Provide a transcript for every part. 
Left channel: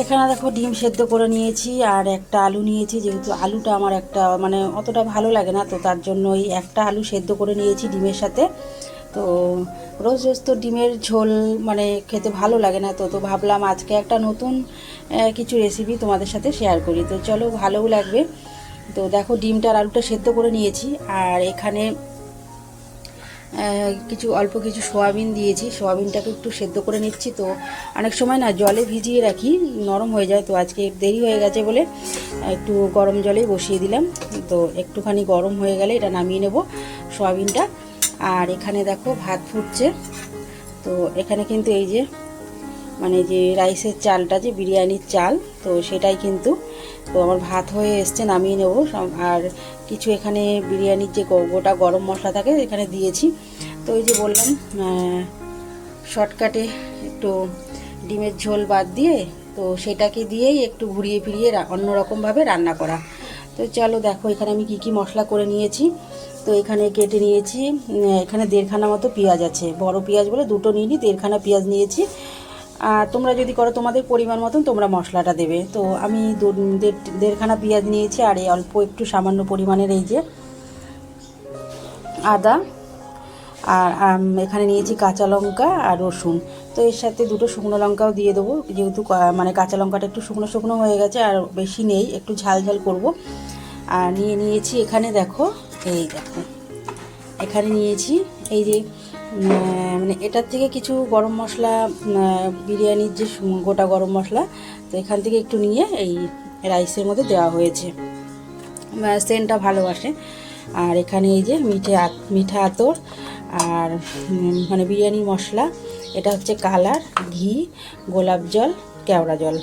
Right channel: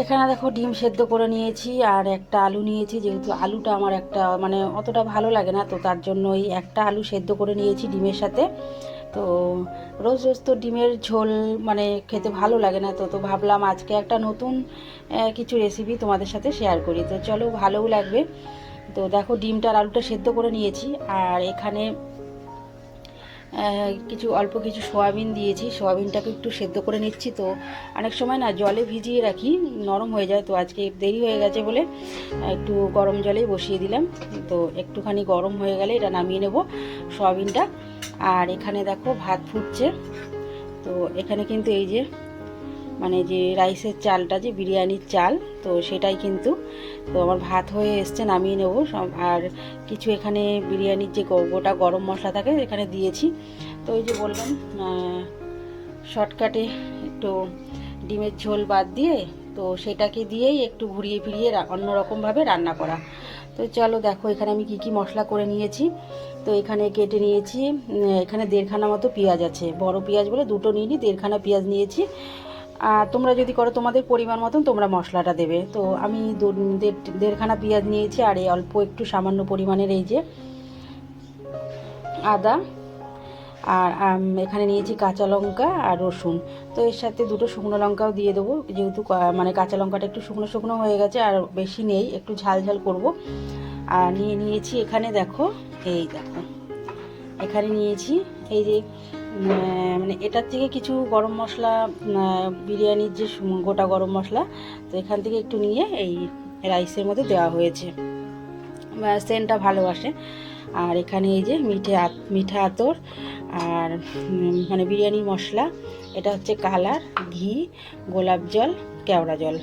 এখানে দেখো ডিম সেদ্ধ করে নিয়েছি আর একটা আলু নিয়েছি, যেহেতু আলুটা আমার একটা মানে অতটা ভালো লাগে না, তো তার জন্য এই একটা আলু সেদ্ধ করে নিয়েছি ডিমের সাথে। তো রোজ রোজ তো ডিমের ঝোল মানে খেতে ভালো লাগে না, তো তো ভাবলাম আজকে একটা নতুন কিছু রেসিপি তোমাদের সাথে শেয়ার করি। তো চলো ভালোও লাগবে। তো দেখো ডিমটা আর আলুটা সেদ্ধ করে নিয়েছি আর এখানে কিছু অল্প কিছু সোয়াবিন দিয়েছি। সোয়াবিনটাকে একটু সেদ্ধ করে নিচ্ছি। তো অনেক সময় না জলে ভিজিয়ে রাখি, নরম হয়ে যায়। তো আজকে দেরি হয়ে গেছে বলে একটু গরম জলেই বসিয়ে দিলাম। তো একটুখানি গরম হয়ে গেলে এটা নামিয়ে নেব সোয়াবিনটা। আর এখানে দেখো ভাত ফুটছে। তো এখানে কিন্তু এই যে মানে যে রাইসের চালটা যে, বিরিয়ানির চাল, তো সেটাই কিন্তু তো আমার ভাত হয়ে এসছে, নামিয়ে নেব। আর কিছু এখানে বিরিয়ানির যে গোটা গরম মশলা থাকে, এখানে দিয়েছি। তো এই যে বললাম শর্টকাটে একটু ডিমের ঝোল বাদ দিয়ে, তো সেটাকে দিয়েই একটু ঘুরিয়ে ফিরিয়ে অন্যরকমভাবে রান্না করা। তো চলো দেখো, এখানে আমি কি কি মশলা করে নিয়েছি। তো এখানে কেটে নিয়েছি এখানে দেড়খানা মতো পেঁয়াজ আছে। বড় পেঁয়াজ বলে দুটো নিয়ে নিই দেড়খানা পেঁয়াজ নিয়েছি। আর তোমরা যদি করো তোমাদের পরিমাণ মতন, তোমরা মশলাটা দেবে। তো আমি দেড়খানা পেঁয়াজ নিয়েছি, আর এই অল্প একটু সামান্য পরিমাণের এই যে আদা, আর এখানে নিয়েছি কাঁচা লঙ্কা আর রসুন। তো এর সাথে দুটো শুকনো লঙ্কাও দিয়ে দেবো, যেহেতু মানে কাঁচা লঙ্কাটা একটু শুকনো শুকনো হয়ে গেছে, আর বেশি নেই, একটু ঝাল ঝাল করব। আর নিয়ে নিয়েছি এখানে দেখো, এই দেখো, এখানে নিয়েছি এই যে মানে এটার থেকে কিছু গরম মশলা বিরিয়ানির যে গোটা গরম মশলা, তো এখান থেকে একটু নিয়ে এই রাইসের মধ্যে দেওয়া হয়েছে। সেন্টটা ভালোবাসে। আর এখানে এই যে মিঠে মিঠা আতর আর মানে বিরিয়ানি মশলা, এটা হচ্ছে কালার, ঘি, গোলাপ জল, কেওড়া জল।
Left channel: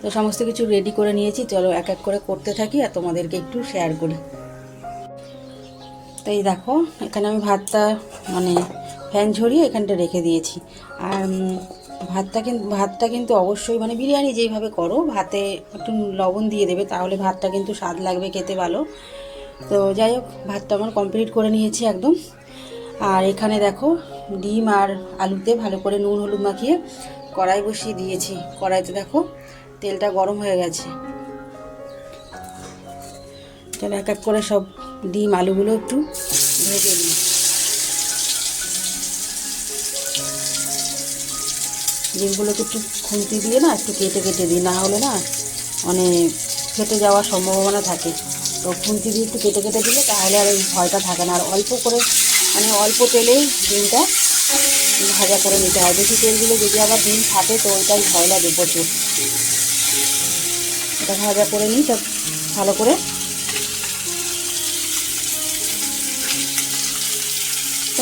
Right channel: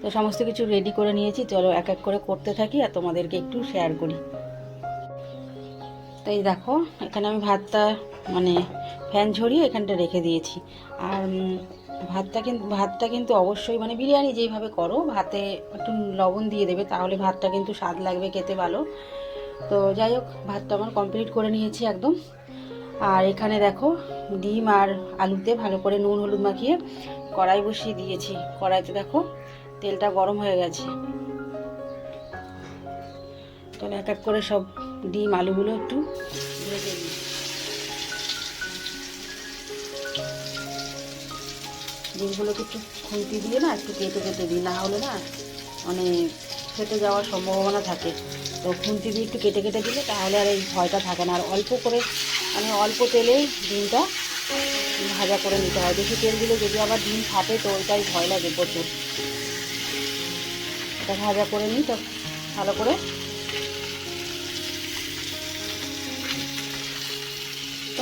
তো সমস্ত কিছু রেডি করে নিয়েছি। চলো এক এক করে করতে থাকি আর তোমাদেরকে একটু শেয়ার করি। এই দেখো, এখানে আমি ভাতটা মানে ফ্যান ঝরিয়ে এখানটা রেখে দিয়েছি। আর ভাতটা কিন্তু ভাতটা কিন্তু অবশ্যই মানে বিরিয়ানি যেইভাবে করো, ভাতে একটু লবণ দিয়ে দেবে, তাহলে ভাতটা কিন্তু স্বাদ লাগবে, খেতে ভালো। তো যাই হোক, ভাতটা আমার কমপ্লিট করে নিয়েছি একদম। আর এখানে দেখো, ডিম আর আলুতে ভালো করে নুন হলুদ মাখিয়ে কড়াই বসিয়ে দিয়েছি। কড়াইতে দেখো, তেলটা গরম হয়ে গেছে। তাহলে এক এক করে সব ডিম আলুগুলো একটু ভেজে দিই ডিমগুলোকে একটু খুন্তি দিয়ে না একটু কেটে কেটে দিই, না হলে না মানে ফেটে যাওয়ার সম্ভাবনা থাকে। তো খুন্তি দিয়ে একটু কেটে কেটে দিলে তাহলে আর এই ভয়টা থাকে না। আর অল্প করে মানে অল্প তেলেই ডিমটা ভাজা করে নিতে হয়। বেশি তেল দিলে যদি আবার ডিম থাকে তো ওইটাই ভয় লাগে প্রচুর। এটা ভাজা করে নিই ভালো করে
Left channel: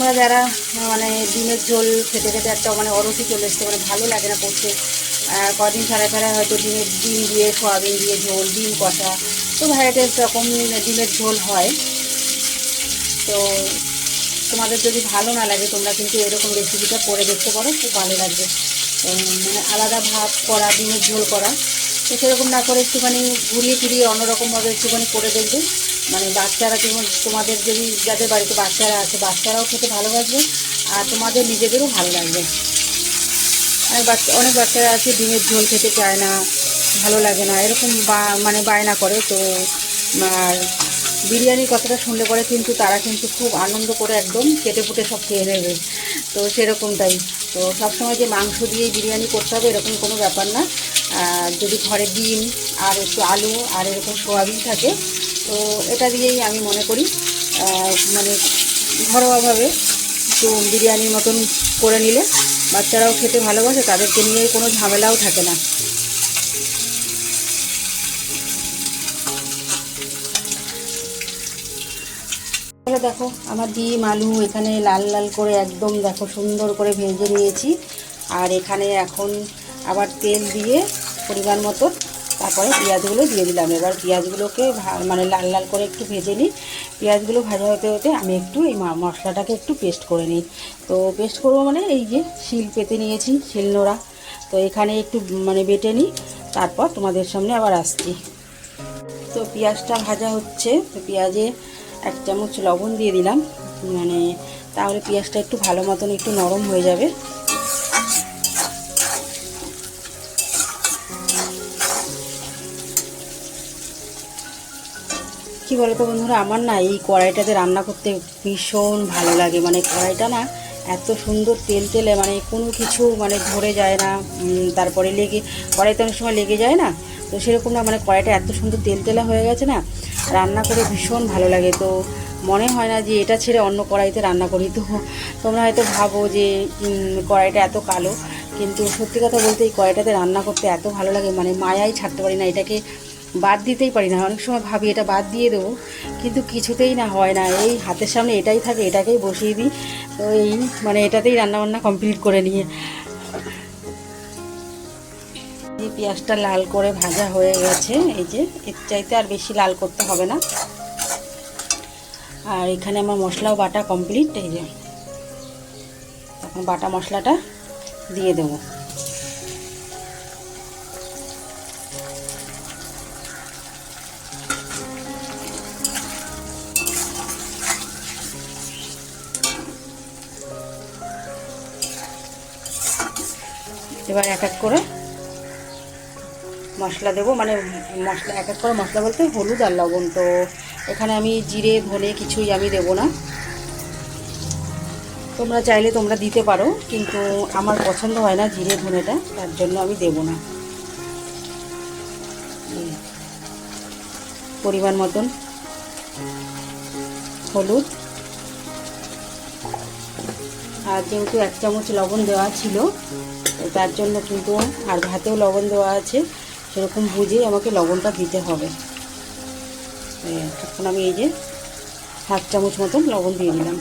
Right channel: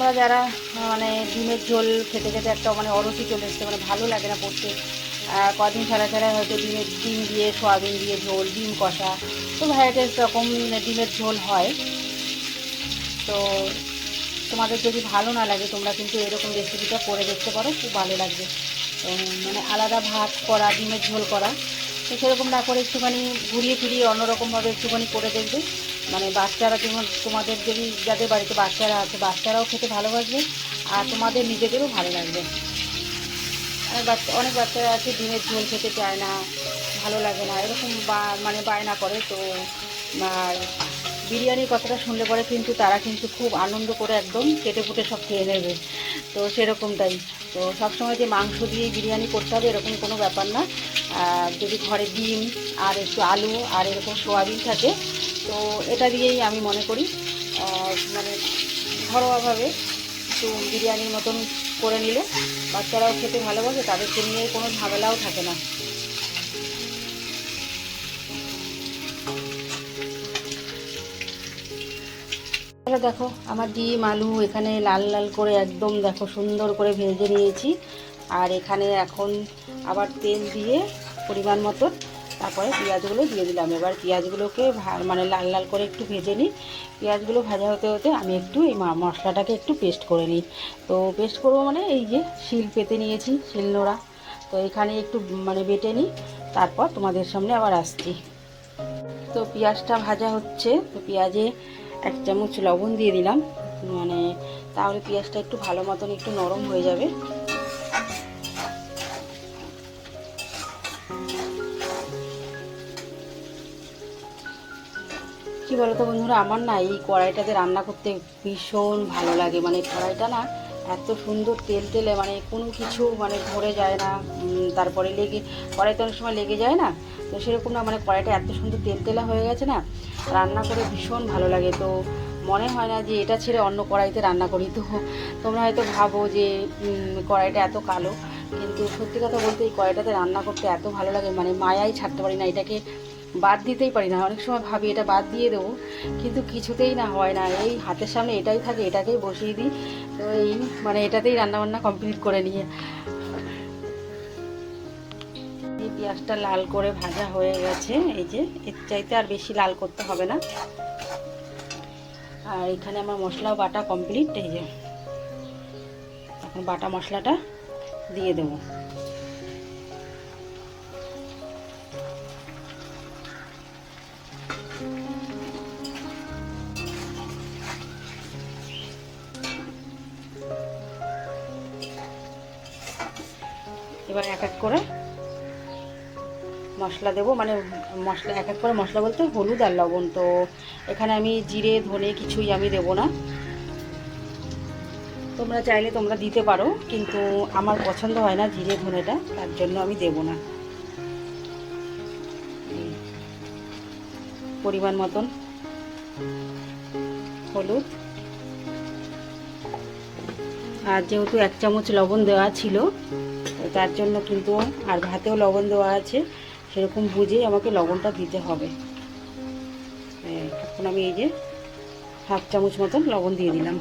তোমরা যারা মানে ডিমের ঝোল খেতে খেতে একটা মানে অরসি চলে এসছে মানে ভালো লাগে না আর কদিন ছাড়া ছাড়া হয়তো ডিমের ডিম দিয়ে, সোয়াবিন দিয়ে ঝোল, ডিম কষা। তো ভ্যারাইটিস রকম ডিমের ঝোল হয়। তো তোমাদের যদি ভালো না লাগে, তোমরা কিন্তু এরকম রেসিপিটা করে দেখতে পারো, খুব ভালো লাগবে। মানে আলাদা ভাত করা, ডিমের ঝোল করা। তো সেরকম না করে একটুখানি ঘুরিয়ে ফিরিয়ে অন্যরকমভাবে একটুখানি করে দেখবে। মানে বাচ্চারা যেমন তোমাদের যদি যাদের বাড়িতে বাচ্চারা আছে, বাচ্চারাও খেতে ভালোবাসবে আর তোমাদের নিজেদেরও ভালো লাগবে। অনেক বাচ্চা, অনেক বাচ্চারা আছে, ডিমের ঝোল খেতে চায় না, ভালো লাগে না, এরকম মানে বায়না করে, তো, আর বিরিয়ানির কথাটা শুনলে পরে কিন্তু তারা কিন্তু খুব আনন্দ করে একদম কেটে ফুটে সব খেয়ে নেবে। তো সেরকমটাই। তো সবসময় যে মাংস দিয়ে বিরিয়ানি করতে হবে, এরকম কোনো ব্যাপার না। আর যদি ঘরে ডিম আর একটু আলু আর এরকম সোয়াবিন থাকে তো এটা দিয়েই আমি মনে করি মানে ঘরোয়াভাবে একটু বিরিয়ানির মতন করে নিলে বাচ্চারাও খেতে ভালোবাসে, তাদেরকে নিয়ে কোনো ঝামেলাও থাকে না। দেখো, আমার ডিম, আলু, এখানে লাল লাল করে একদম দেখো সুন্দর করে ভেজে নিয়েছি। আর এখানে এখন আবার তেল দিয়ে পরিমাণ মতো তারপরে পেঁয়াজগুলো দিয়ে দিলাম। এবার পেঁয়াজগুলোকে মানে লাল লাল করে একটু ভেজে নিই। পেঁয়াজগুলো ভাজা হতে হতে আমি একটু এই মশলাটাকে একটু পেস্ট করে নিই। তো পেস্ট করব মানে এই যে শিল পেতে নিয়েছি, শিল নোড়া। তো এখানে একটু মানে বেটে নিই, তারপর তোমাদের সামনে আবার আসছি। তো পেঁয়াজটা ভাজা হচ্ছে। তো পেঁয়াজে এক চামচ লবণ দিয়ে দিলাম। মানে তাহলে পেঁয়াজটা একটু ভালো মতন একটু নরম হয়ে যাবে। কি বলতো বন্ধুরা, আমার না এই কড়াইটাতে রান্না করতে ভীষণ ভালো লাগে। মানে কড়াইটা না এত সুন্দর তেল তেলে মানে কোনো কিছু মানে ধরে যায় না। তারপরে লেগে, কড়াইতে অনেক সময় লেগে যায় না। তো সেরকম না মানে কড়াইটা এত সুন্দর তেল তেলা হয়ে গেছে না, রান্না করে ভীষণ ভালো লাগে। তো মনে হয় না যে এটা ছেড়ে অন্য কড়াইতে রান্না করি। তো তোমরা হয়তো ভাবো যে কড়াইটা এত কালো। কিন্তু সত্যি কথা বলতে এই কড়াইটাতে রান্না করতে এত ভালো লাগে মানে মায়াই ছাড়তে পারি না। এটাকে বাদ দিতেই পারি না। অনেক সময় ভাবি, এটা বাদ দিয়ে দেবো। কিন্তু কিছুতেই না হয় না। এই হাতের সামনে এটাই থাকে, এটাকেই বসিয়ে দিই। তো এই মানে এটাতেই রান্নাবান্না কমপ্লিট করে নিয়ে এই পেঁয়াজটা লাল করে ভাজা হয়ে গেছে। এই যে, এর চাইতে আর বেশি লাল করতে হবে না। আর এখানে আমার মশলাও বাটা কমপ্লিট। এই যে, এখন বাটা মশলাটা দিয়ে দেবো। এবার এক এক করে মশলা দেবো। মানে মশলা, এক এক করে মশলা বলতে হলুদ আর লবণ। তো এখানে আমি জিরে, ধনে কিছুই আমি দেবো না। তোমরা চাইলে তোমরা দিতে পারো, কিন্তু আমার পছন্দ হয় না জিরে, ধনেটা। তার জন্য আমি দেবো না। পরিমাণ মতন হলুদ। আর যেহেতু এক চামচ লবণ দেওয়া ছিল তার জন্য কিন্তু আর ভাতেও লবণ দেওয়া আছে। সেরকম বুঝেই আমাকে লবণটা দিতে হবে। তখন আমি এই যে হাফ চামচ মতন লবণ দিয়ে দিলাম।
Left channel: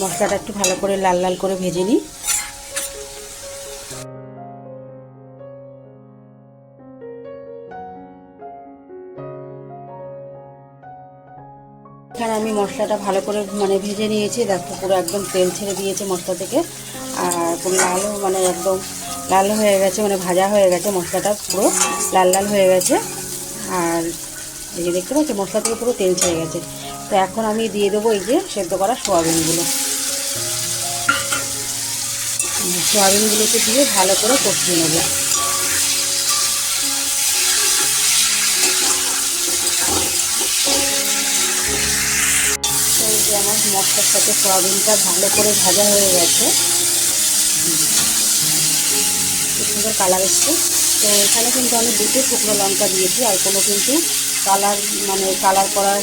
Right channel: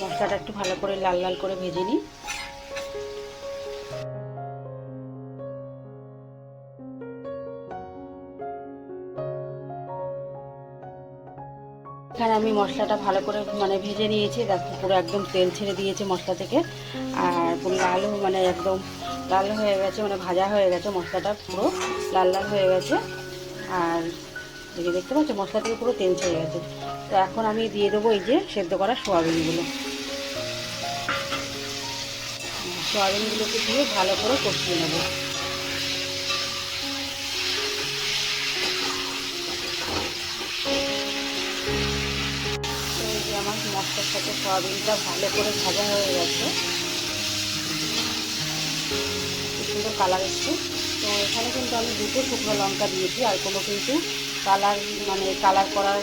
মশলাটা একটু ভালো করে লাল লাল করে ভেজে নিই। এখানে আমি মশলাটা ভালো করে মানে ভেজে নিয়েছি, দেখো পুরো একদম তেল ছেড়ে দিয়েছে মশলা থেকে। আর পুরো লাল মানে একদম লাল হয়ে গেছে মানে ভাজা হয়ে গেছে মশলাটা পুরো, লাল লাল হয়ে গেছে। আর এই যে দেখতে পাচ্ছি, মশলা থেকে পুরো তেল ছেড়ে গেছে। তো এখন আমি দিয়ে দেবো এই যে সেদ্ধ করা সোয়াবিনগুলো। সোয়াবিনগুলোকে দিয়ে ভালো করে কষিয়ে নেব। যে সাথে সয়াবিনটা ভালো করে ভাজা হয়ে গেছে। কালার এসছে। তো এখানে কিন্তু আমি দুটো শুকনো লঙ্কা দিয়েছি, আর কোনো কিন্তু কালার মানে কালার করার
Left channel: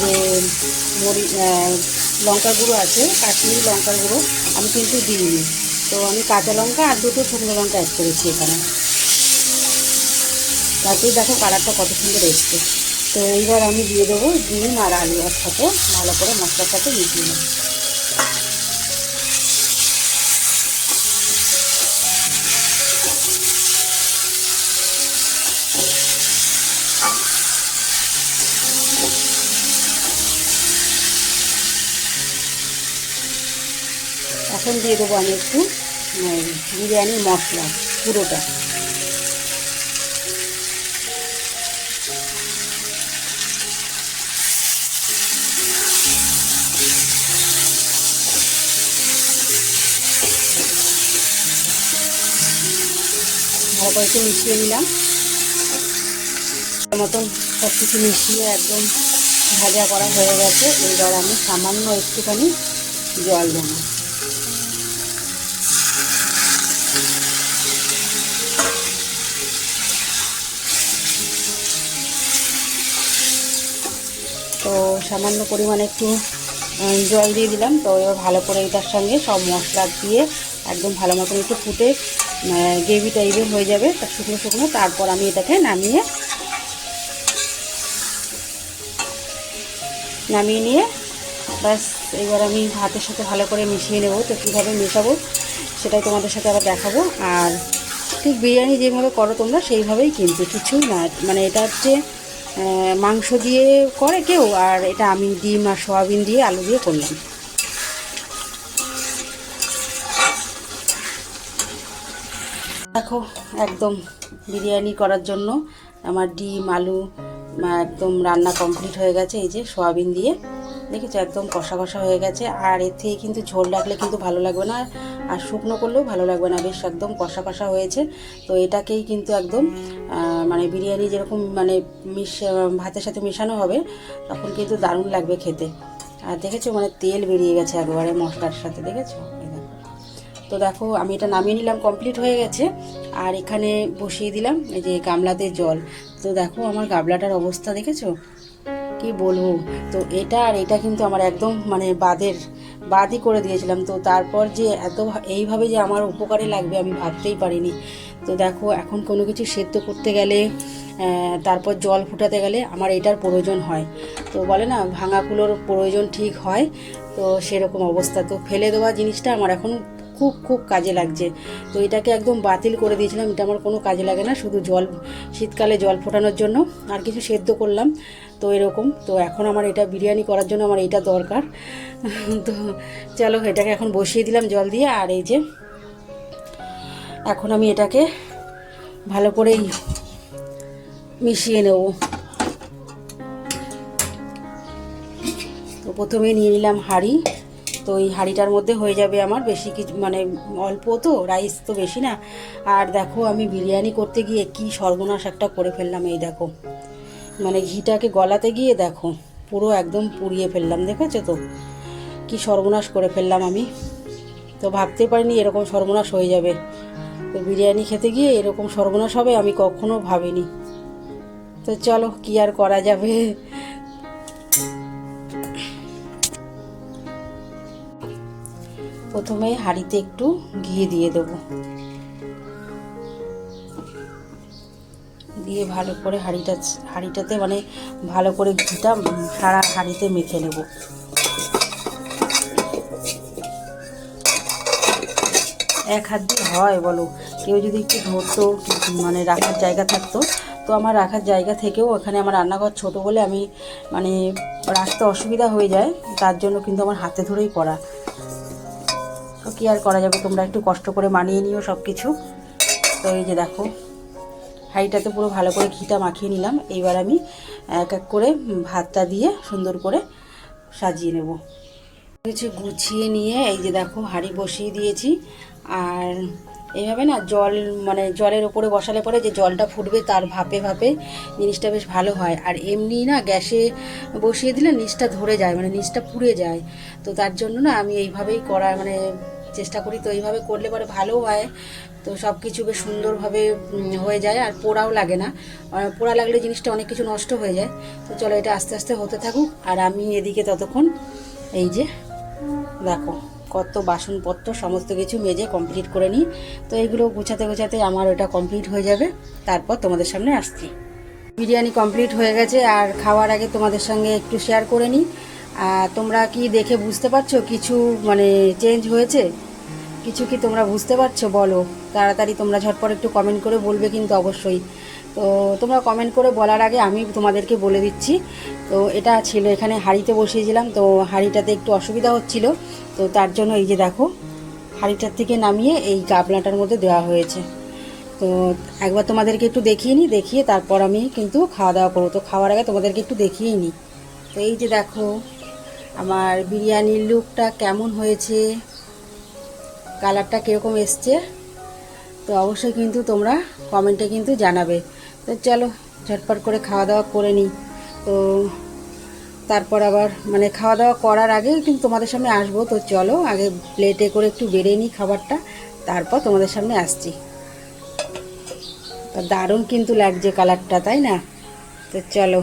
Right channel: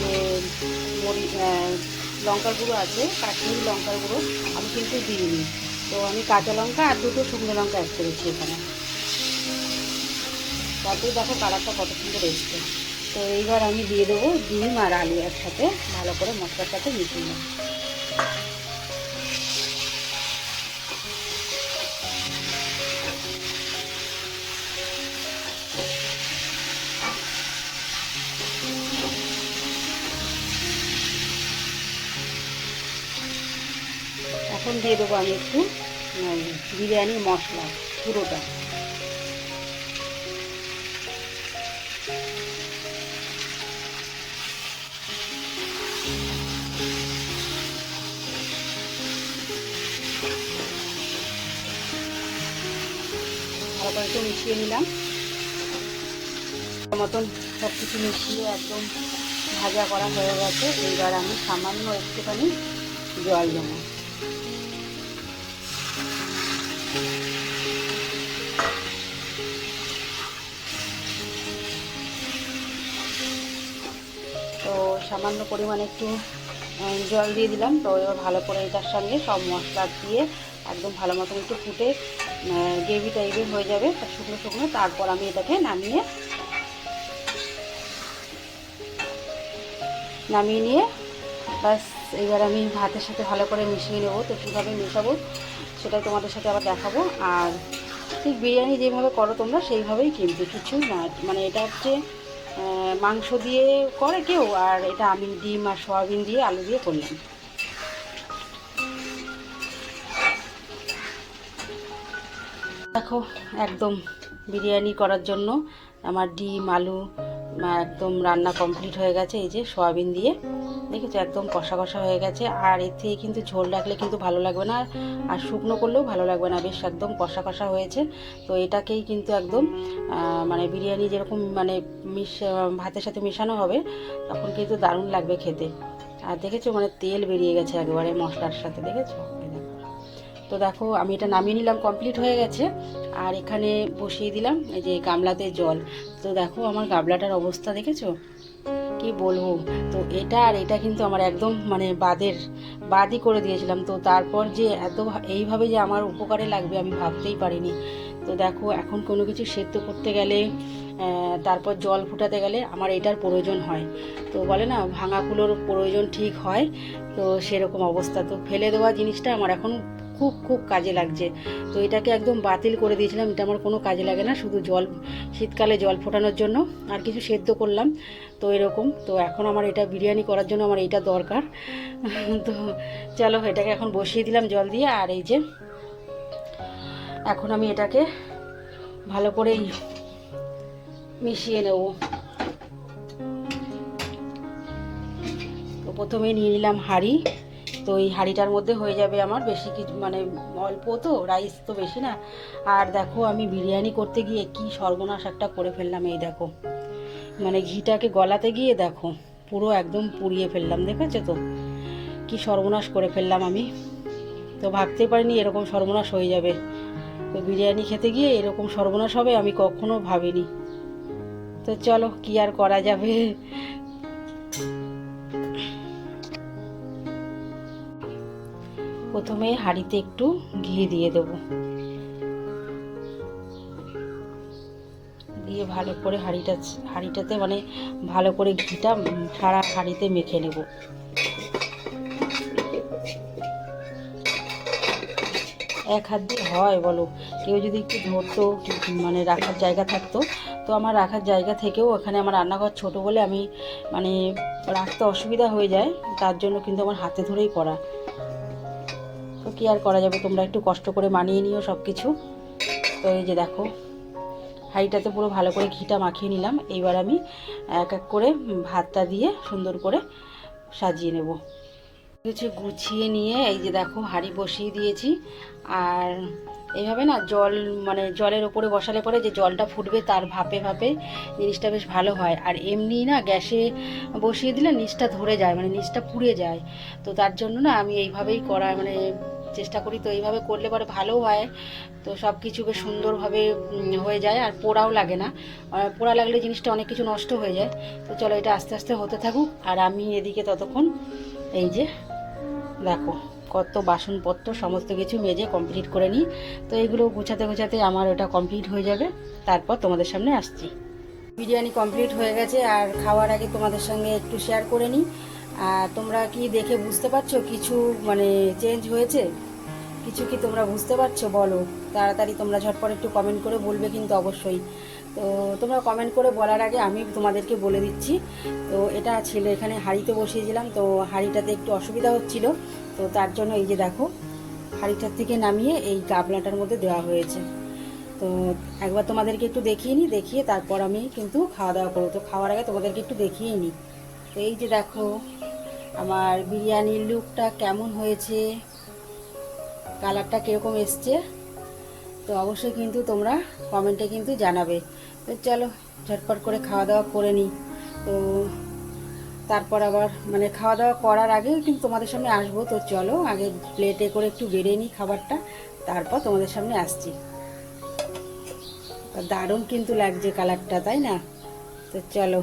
যে মরি লঙ্কা গুঁড়ো আছে কাশ্মীরি লঙ্কা গুঁড়ো আমি কিন্তু দিইনি। তো আমি কাঁচা লঙ্কা আর দুটো শুকনো লঙ্কা অ্যাড করেছি এখানে। তারপরে দেখো কালারটা কত সুন্দর এসছে। তো এইবার আমি দিয়ে দেবো ডিম আর আলু একসাথে, ভালো করে মশলার সাথে মিশিয়ে নেব। এখন দিয়ে দেবো আমি একটু বিরিয়ানি মশলা, পুরোটা। একটু মিশিয়ে নিলাম। মতন সব কিছু মিশিয়ে একদম ভাজা করা হয়ে গেছে। এবার আমি সামান্য একটুখানি জল দেবো। তো সামান্য পরিমাণে একটু জল দিয়ে দিলাম। তো এবার ভালো করে এটার সঙ্গে সব মশলা দিয়ে একদম ভালো মতন একটু ফুটে গ্রেভি টাইপের হয়ে যাবে শুকনো শুকনো। তারপর আমি এটাকে নামিয়ে নামিয়ে নিয়ে ব্যাস, এবার আমি ভাতের সাথে ভালো করে মিশিয়ে নেব। তো কীভাবে মেশাবো সেটাই তোমাদের সাথে আবার দেখাবো। আর ঠিক বিরিয়ানি যেভাবে করো তোমরা, সেইভাবেই কিন্তু কিছুই না মানে এটা হচ্ছে মাংস দিয়ে করে কেউ, আর এটা আমি ডিম আর সয়াবিন দিয়ে আলু দিয়ে করলাম। দেখো, একদম বিরিয়ানি করার জন্য আমার ডিম, আলু একদম রান্না কমপ্লিট হয়ে গেছে, এই যে সয়াবিন দিয়ে। দেখেছ, একদম কষা কষা হয়ে গেছে। আর এর থেকে কিন্তু ঝোল রাখলে কিন্তু ভালো লাগবে না। আর শুকনো করলেও ভালো লাগবে না, বেশ একদম কষা কষা হয়েছে। তো এটাকেই কিন্তু একদম মানে বিরিয়ানি যেরকম মানে মিশ ভাতের সাথে মেশানো হবে, তখন কিন্তু দারুণ লাগবে খেতে। আর দেখেছ মানে তেল বেরিয়ে গেছে একবারে মশলার সাথে, দেখেছ? তো দেখো, আমি এটা নামিয়ে নিলাম কমপ্লিট হয়ে গেছে। আর এখানে বসিয়ে দিলাম এই যে গামলাতে জল। তো দেখো, আমার গামলাটার অবস্থা দেখেছ? কি বলব? তো এটা আর এটা কিন্তু আমার একদম মানে বাদের, বাদই করে দিয়েছিলাম। তো তারপর যে এত এইভাবে যে আমার উপকারে লাগবে আমি ভাবতেই পারিনি। তো দেখো, এখন কোনো কিছু সেদ্ধ করতে গেলে তারপর জল ফুটাতে গেলে আমার এটার প্রয়োজন হয়। তো বলে না ভাঙাগুলোর প্রয়োজন ঠিক হয়। তো সেরকম অবস্থা। তো ফেলে দেওয়া জিনিসটা আমার এখন খুব খুব কাজে লাগছে। তো এটাকে একদম বাতিল করে দিয়েছিলাম। এটা আমার কোনো কাজে লাগে না, শুধু জল, শীতকালে জল ফোটানোর জন্য। আর কিছু সেদ্ধ করলাম, তো এরকম। তো এখন আমার এটা বিরিয়ানি করার জন্য আমার এটা দরকার। তো চলো, এটাকে এখন বসিয়ে দিলাম জল দিয়ে। আর এই যে, এখন আমি এটাকে ভালো করেই মিশিয়ে নেব। তো প্রথমে নিয়ে নিলাম হাঁড়ি। তো এই হাঁড়িটার মধ্যে হয়ে যাবে আমার বেশি কিছু মানে অল্প তো রাইস তো বেশি না। আর দেখো আমি বিরিয়ানি করতে গিয়ে কি সর্বনাশ একটা করে ফেললাম এই দেখো। মানে ঘিটাকে গলাতে গিয়ে দেখো, পুরো একদম পুড়িয়ে ফেললাম, দেখেছ তো? কি সর্বনাশ করে ফেললাম আমি। তো ভাবতে পারিনি এরকম সর্বনাশ হয়ে যাবে। বিরিয়ানি খেতে গিয়ে এরকম সর্বনাশ হবে আমি কখনো ভাবিনি। তো চলো, কি আর করা যাবে? হাঁড়িতে একটু ঘি দিয়ে দেবো। দিয়ে ভালো করে হাঁড়িটা, হাঁড়িটাতে মানে ভালো করে ঘিটা সারা হাঁড়িতে মেখে নেব। এক হাত দিয়ে হয় বলো, কেউ যদি একটু ধরতো মানে রাখার জায়গা থাকতো, তো আমার রাখার জায়গা থেকেও ওখানে আমার রান্নাঘর ছোট বলে আমি মানে রাখতে অসুবিধা হয়ে যায়, তার জন্য কিন্তু আমার হাতে ধরেই করা আর করা যাবে? তোমরা একটু কষ্ট করে মানিয়ে নিও সব কিছু তো এই যে দেখো, হাঁড়িটাতে পুরো ভালো করে ঘিটা মাখিয়ে নিলাম। এইবার আমি এক এক করে ভাতটা দিয়ে সুন্দর করে সাজিয়ে নেব। কিছু গুছিয়ে নিয়ে এই যে দেখো, হাঁড়ি বসিয়ে দিয়েছি। আর এভাবে না জল মানে জলের ওপরে বসালে পরে যে জলটা ফুটবে তার ভাপে ভাপে জিনিসটা বেশ ভালো হয়। আর এমনি না গ্যাসে বসিয়ে দিলে নিচটা ধরে যায় মানে নিচটা পুড়ে যায়। তো তার জন্য না আমি এইভাবেই করার মানে চেষ্টা করি। তো এইভাবে করলে পরে ভালো হয়। তো সব কিছু বেশ সুন্দরভাবে হয়ে যায়। আর পোড়াও লাগে না। পোড়া লাগলে জিনিসটা অনেক কিছু নষ্ট হয়ে যায়। তো চলো এটা আস্তে আস্তে হতে থাকুক। আর আমি এদিকে ততক্ষণ, এই যে, দেখো, কত বাসনপত্র, সমস্ত কিছু মেজে কমপ্লিট করে নিই। তো এইগুলো গুছাতে গুছাতে আমার ওটা কমপ্লিট হয়ে যাবে। তারপর তোমাদের সামনে আসছি। বিরিয়ানি কমপ্লিট হয়ে গেছে। আর খাওয়ার আগে তোমাদের সঙ্গে একটু শেয়ার করে নিই। তোমরা কি দেখে বুঝতে পারছ কিছু মানে চেঞ্জ হয়েছে? কিছু কি তোমরা বুঝতে পারছ? বলো। তাড়াতাড়ি তোমরা ঝটপট একটু কমেন্ট করে বলবে কিন্তু অবশ্যই। তো তোমরা কমেন্ট করে বলার আগে আমি তোমাদেরকে বলে দিচ্ছি। তো এটা ছিল এখানে হাঁড়িতে বসিয়েছিলাম। তো হাঁড়িটাতে একটু অসুবিধা হচ্ছিল। তো তার জন্য এই যে দেখো, হাঁড়িটার থেকে নামিয়ে এই গাবলাটার মধ্যে দেওয়া হয়েছে। তো একবার তোমাদেরকে একটু দেখিয়ে নিই। দেখিয়ে তারপর আমি কিন্তু খাওয়া দাওয়া করব। তো খাওয়ার আগে তোমাদেরকে একটু দেখিয়েই নিই। তো এই যে দেখো আমার বিরিয়ানির লুকটা কেমন হয়েছে? কালারটা কীরকম এসছে? তো অবশ্যই কিন্তু তোমরা কমেন্টে কিন্তু জানাবে। তো চলো, ঝটপট করে খাওয়া দাওয়া করে নিই। তো তারপর আবার মানে খাওয়া দাওয়া করার আগে কিন্তু তোমাদের সামনে আসব। তো চলো, আগে প্লেটে করে একটু বেড়ে নিই খাবারটা। তারপর তোমাদের সামনে আসছি। দারুণ কিন্তু লাগছে কালারটা তাই না? তো চলো।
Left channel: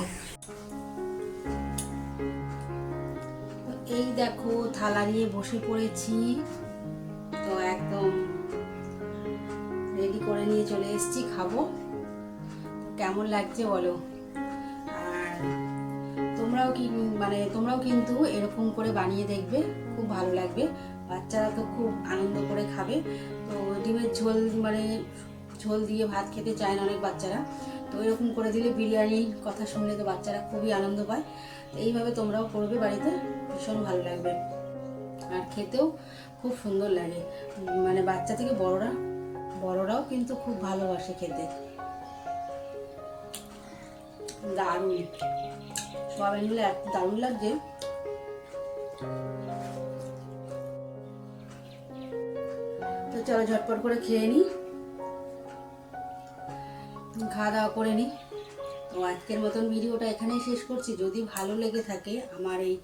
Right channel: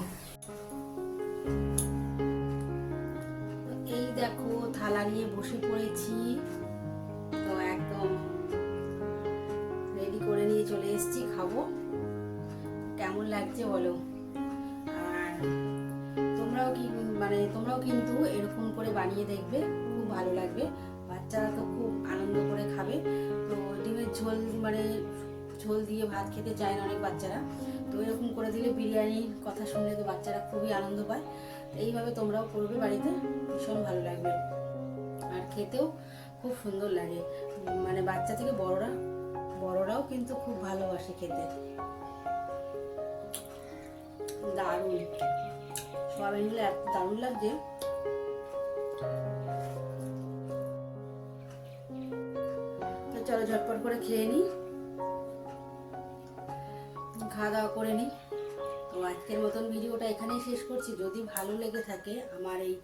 বসে পড়েছি। তো একদম রেডি করে নিয়ে চলে এসেছি, খাব। কেমন লাগছে বলো? তোমরাও কি মানে তোমরাও কিন্তু এরকম করে বানিয়ে দেখবে, খুব ভালো লাগবে। বাচ্চারা তো খুব আনন্দ করে খাবে। তো ডিমের ঝোল মানে ঝোল দিয়ে ভাত খেতে চায় না অনেক বাচ্চারা। তো এরকম করে দিলে বিরিয়ানির কথা শুনলে তো বাচ্চারা খুবই আনন্দ পায়। এইভাবে তোমরাও করবে বাড়িতে, ভীষণ ভালো লাগবে। খেতেও খুব সুন্দর লাগে। মানে বাচ্চা থেকে বড়রা, বড়রাও কিন্তু খুব ভালোবাসে খেতে। দারুণ। সোয়াবিনগুলো এত দারুণ লাগছে। তো চলো ঝটপট করে খেয়ে নিই। খাওয়া দাওয়া করে নিই। তো আজকের মতন ভিডিওটা এখানেই শেষ করছি। যদি ভালো লেগে থাকে আমার এই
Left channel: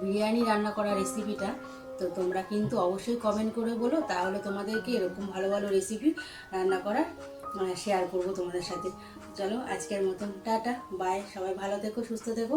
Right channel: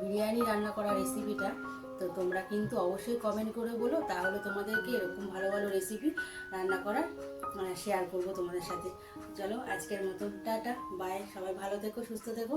বিরিয়ানি রান্না করা রেসিপিটা তো তোমরা কিন্তু অবশ্যই কমেন্ট করে বলো, তাহলে তোমাদেরকে এরকম ভালো ভালো রেসিপি রান্না করার শেয়ার করব তোমাদের সাথে। চলো, আজকের মতন টাটা বাই সবাই ভালো থেকো, সুস্থ থেকো।